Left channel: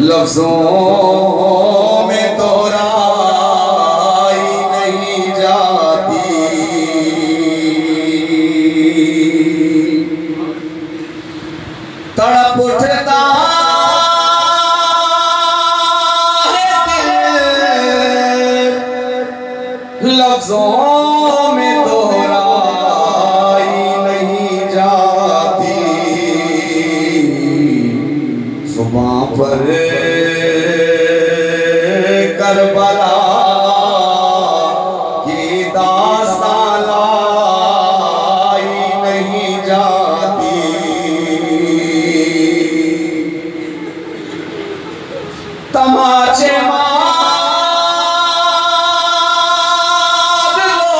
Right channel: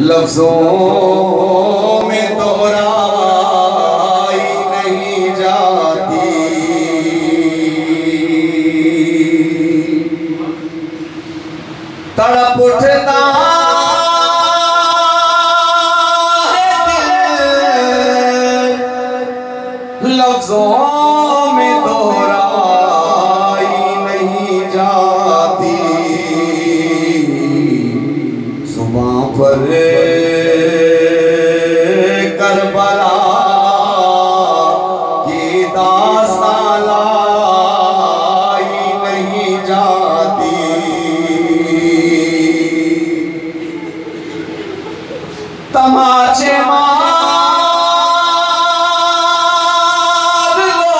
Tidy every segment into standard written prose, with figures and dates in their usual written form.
लफ्जों में दोहराई नहीं जाती। तड़प उठता है दिल, लफ्जों में दोहराई नहीं जाती। जुबां पर करबला की दास्तां लाई नहीं जाती। तमाचे मार लो,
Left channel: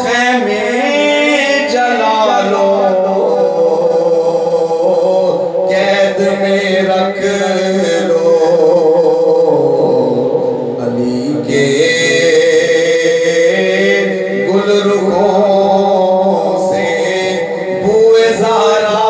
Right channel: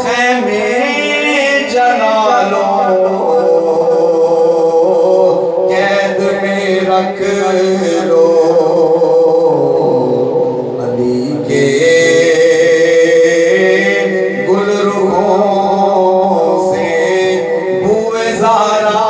खेमे जला लो, कैद में रख लो। अली के गुलरुखों से बुए ज़ारा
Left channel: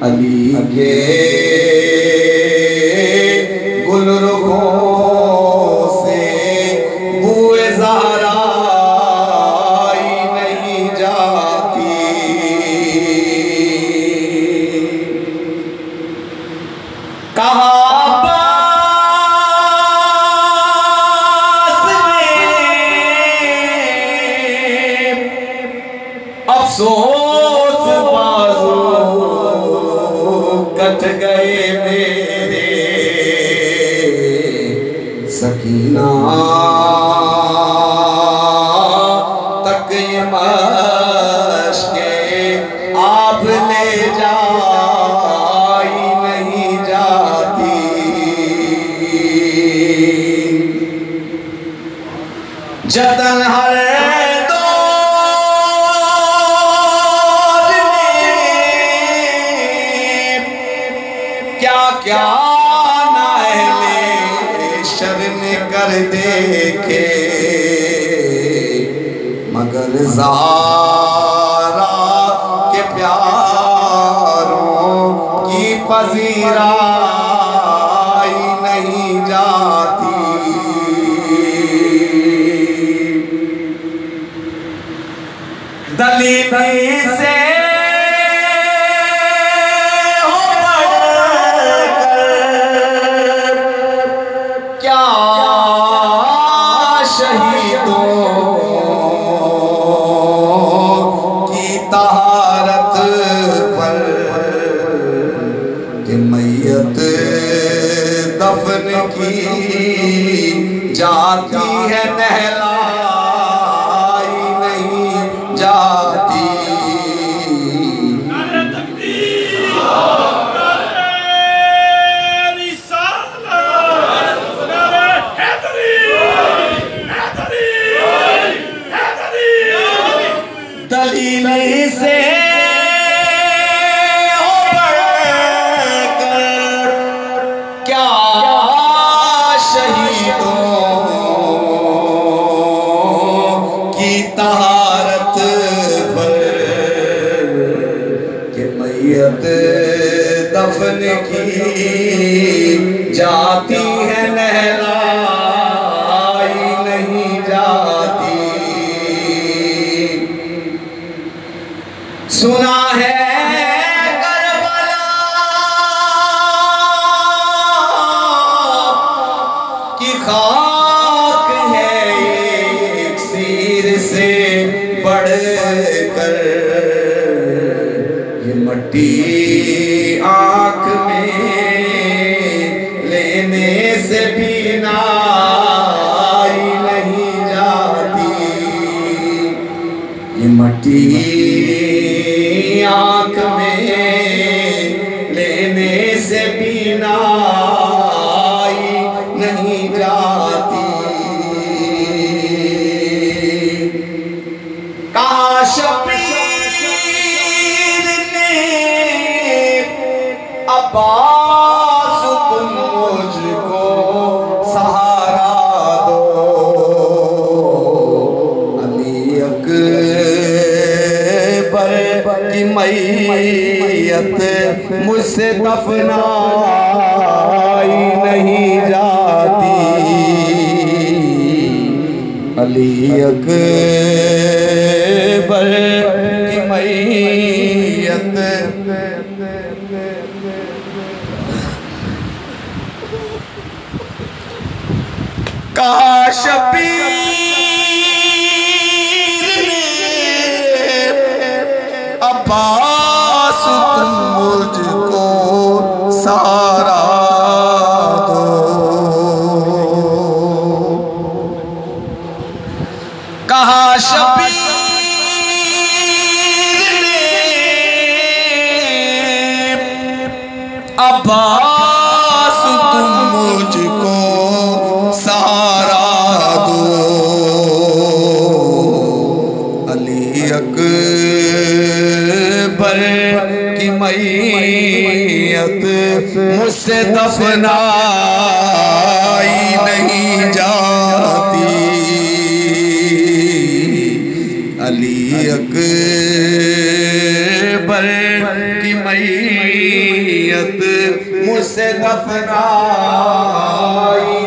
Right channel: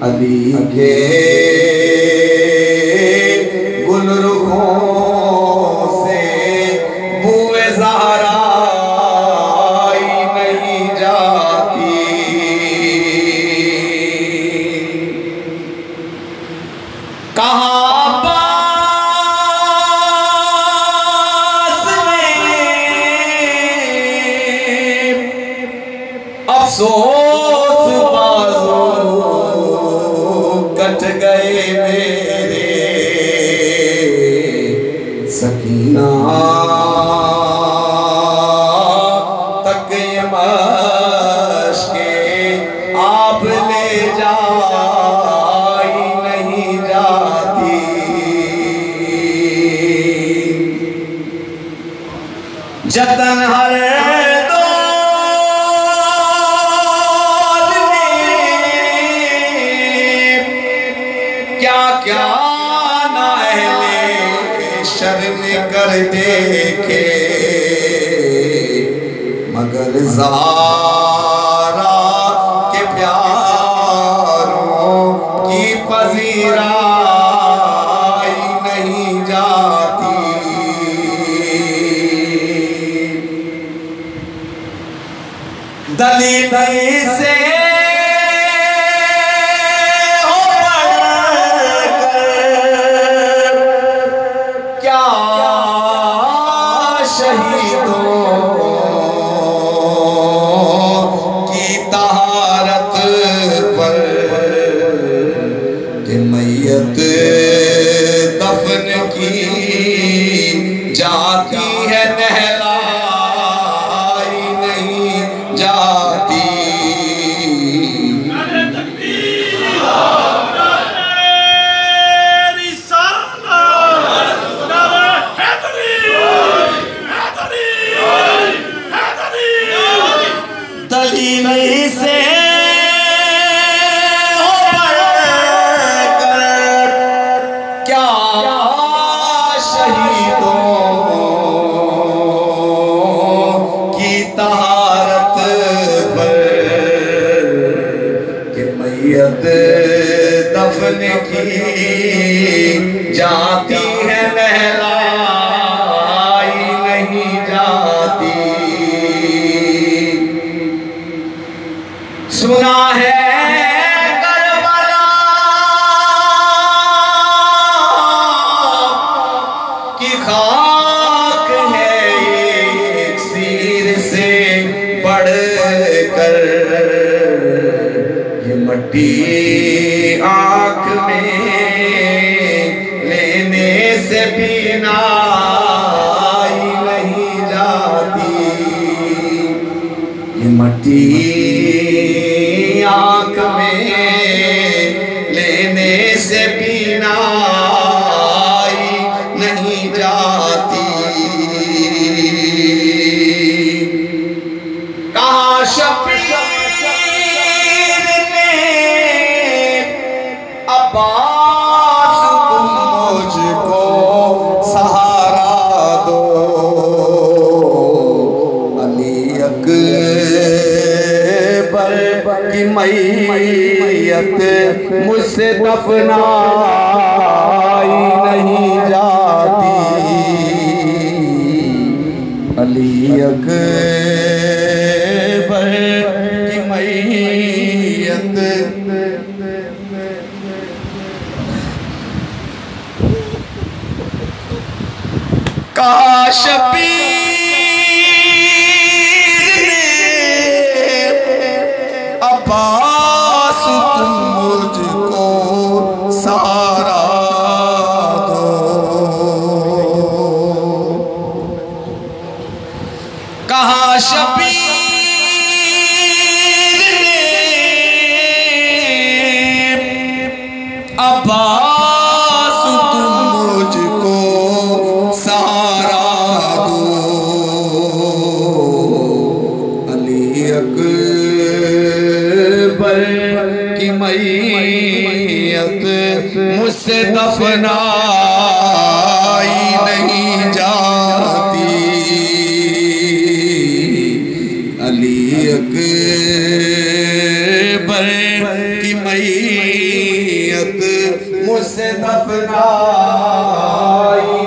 अली के गुलरुखों से बुए ज़हरा नहीं जाती। कहाँ पास में अफसोस कट गए मेरे, सकीना तक मश्के आप ले जाई नहीं जाती। जतन हर क्या नाले शर्म कर देखे, मगर ज़ारा के प्यारों की पजीराई नहीं जाती। दली दली से शहीदों की तहारत पर मैयत दफन की जाती है, नहलाई नहीं जाती। दलील से बढ़कर क्या शहीदों की तहारत पर कि मैयत दफन की जाती है, नहलाई नहीं जाती। सुना है करबला की खाक है एक सिर से बढ़कर, ये मट्टी आँख में लेने से भी नाई नहीं जाती। ये मट्टी आँख में लेने से भी नाई नहीं जाती। कहाँ शबीर ने अब्बास तुम मुझको सहारा दो, अली अली अकबर की मैयत कहा शबीर ने अब्बास तुम मुझको सहारा दो। कहा शबीर ने अब्बास तुम मुझको मुझसे दफनाई नहीं जाती। अली अकबर की मैयत मुझसे दफनाई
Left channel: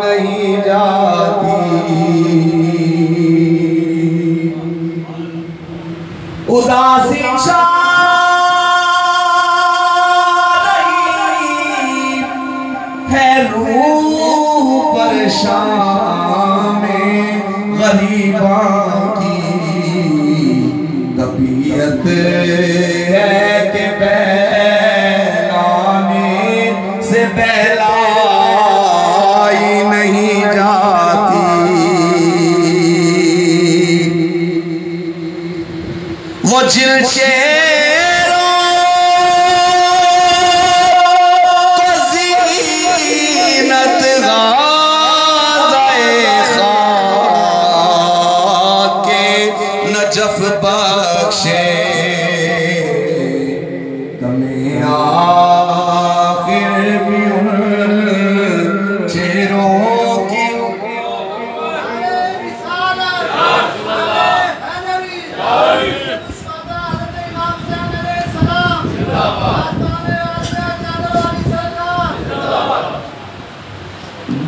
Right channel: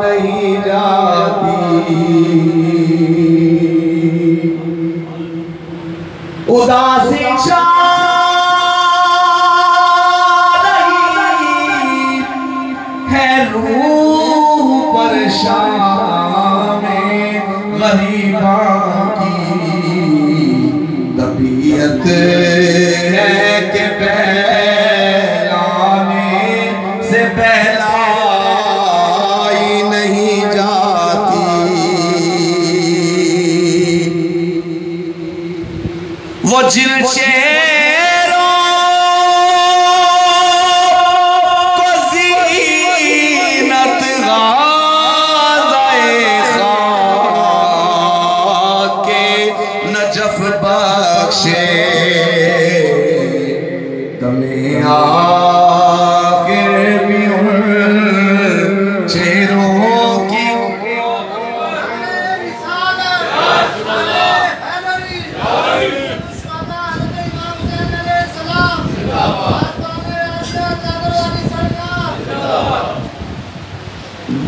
नहीं जाती। उदासी रूह परेशान में गरीबा की तबीयत है के बहलाने से बहलाई नहीं जाती। वो जिन नजफ बख्शे दमे आखिर भी उन चेहरों की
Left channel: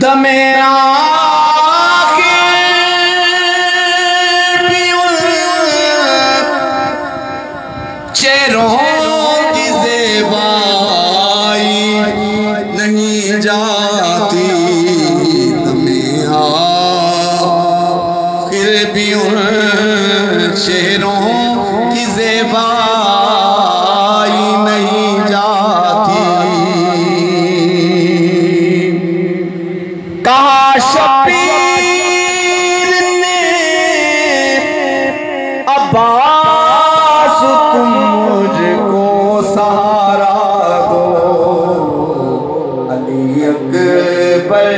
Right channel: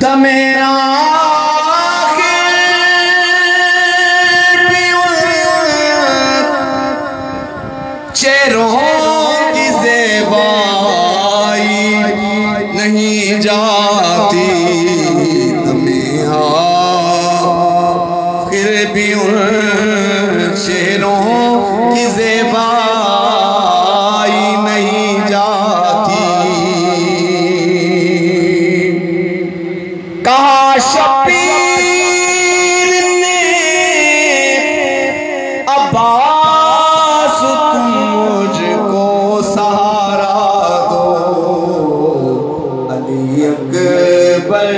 दमे चेहरों की ज़ेबाई नहीं जाती। हमें आखिर भी उन चेहरों की ज़ेबाई नहीं जाती। कहा शबीर ने अब्बास तुम मुझको सहारा दो। अली अकबर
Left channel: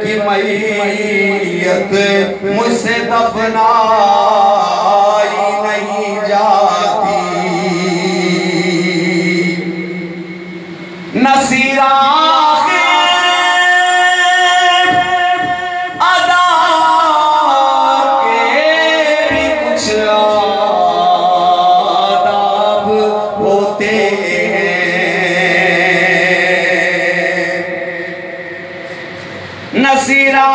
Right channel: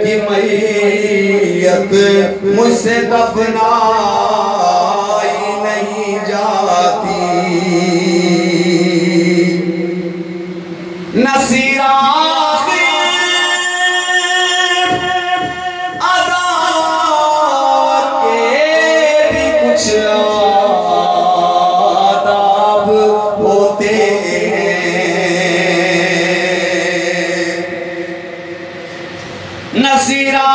की मैयत मुझसे दफनाई नहीं जाती। नसीरा अदा के भी कुछ होते नसीरा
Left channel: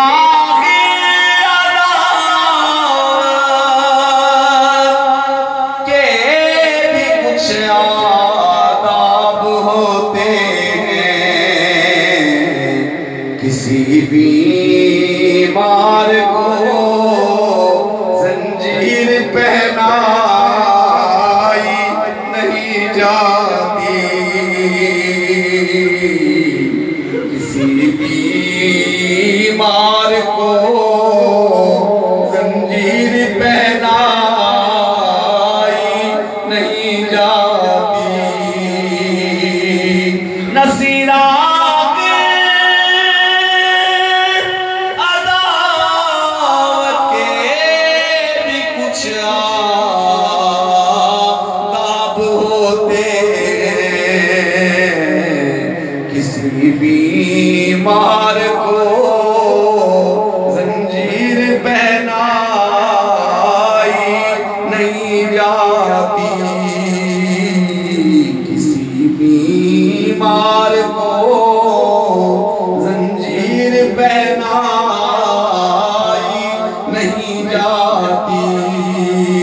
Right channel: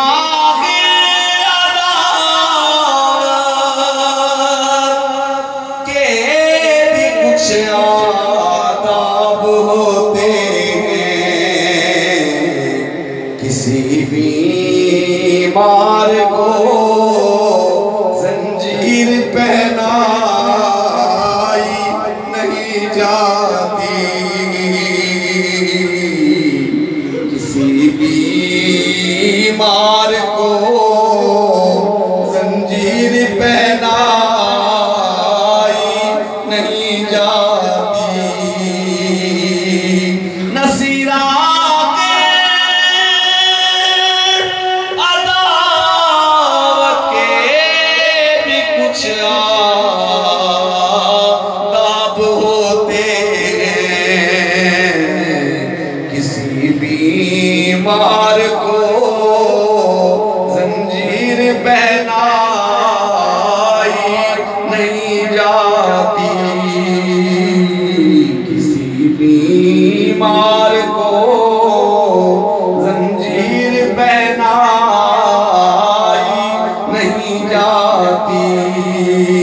के भी कुछ आदाब होते हैं। किसी बीमार को जंजीर पहनाई नहीं जाती। किसी बीमार को जंजीर पहनाई नहीं जाती। नसीरा के अदावत के भी कुछ आदाब होते हैं। किसी बीमार को जंजीर पहनाई नहीं जाती। किसी बीमार को जंजीर पहनाई नहीं जाती।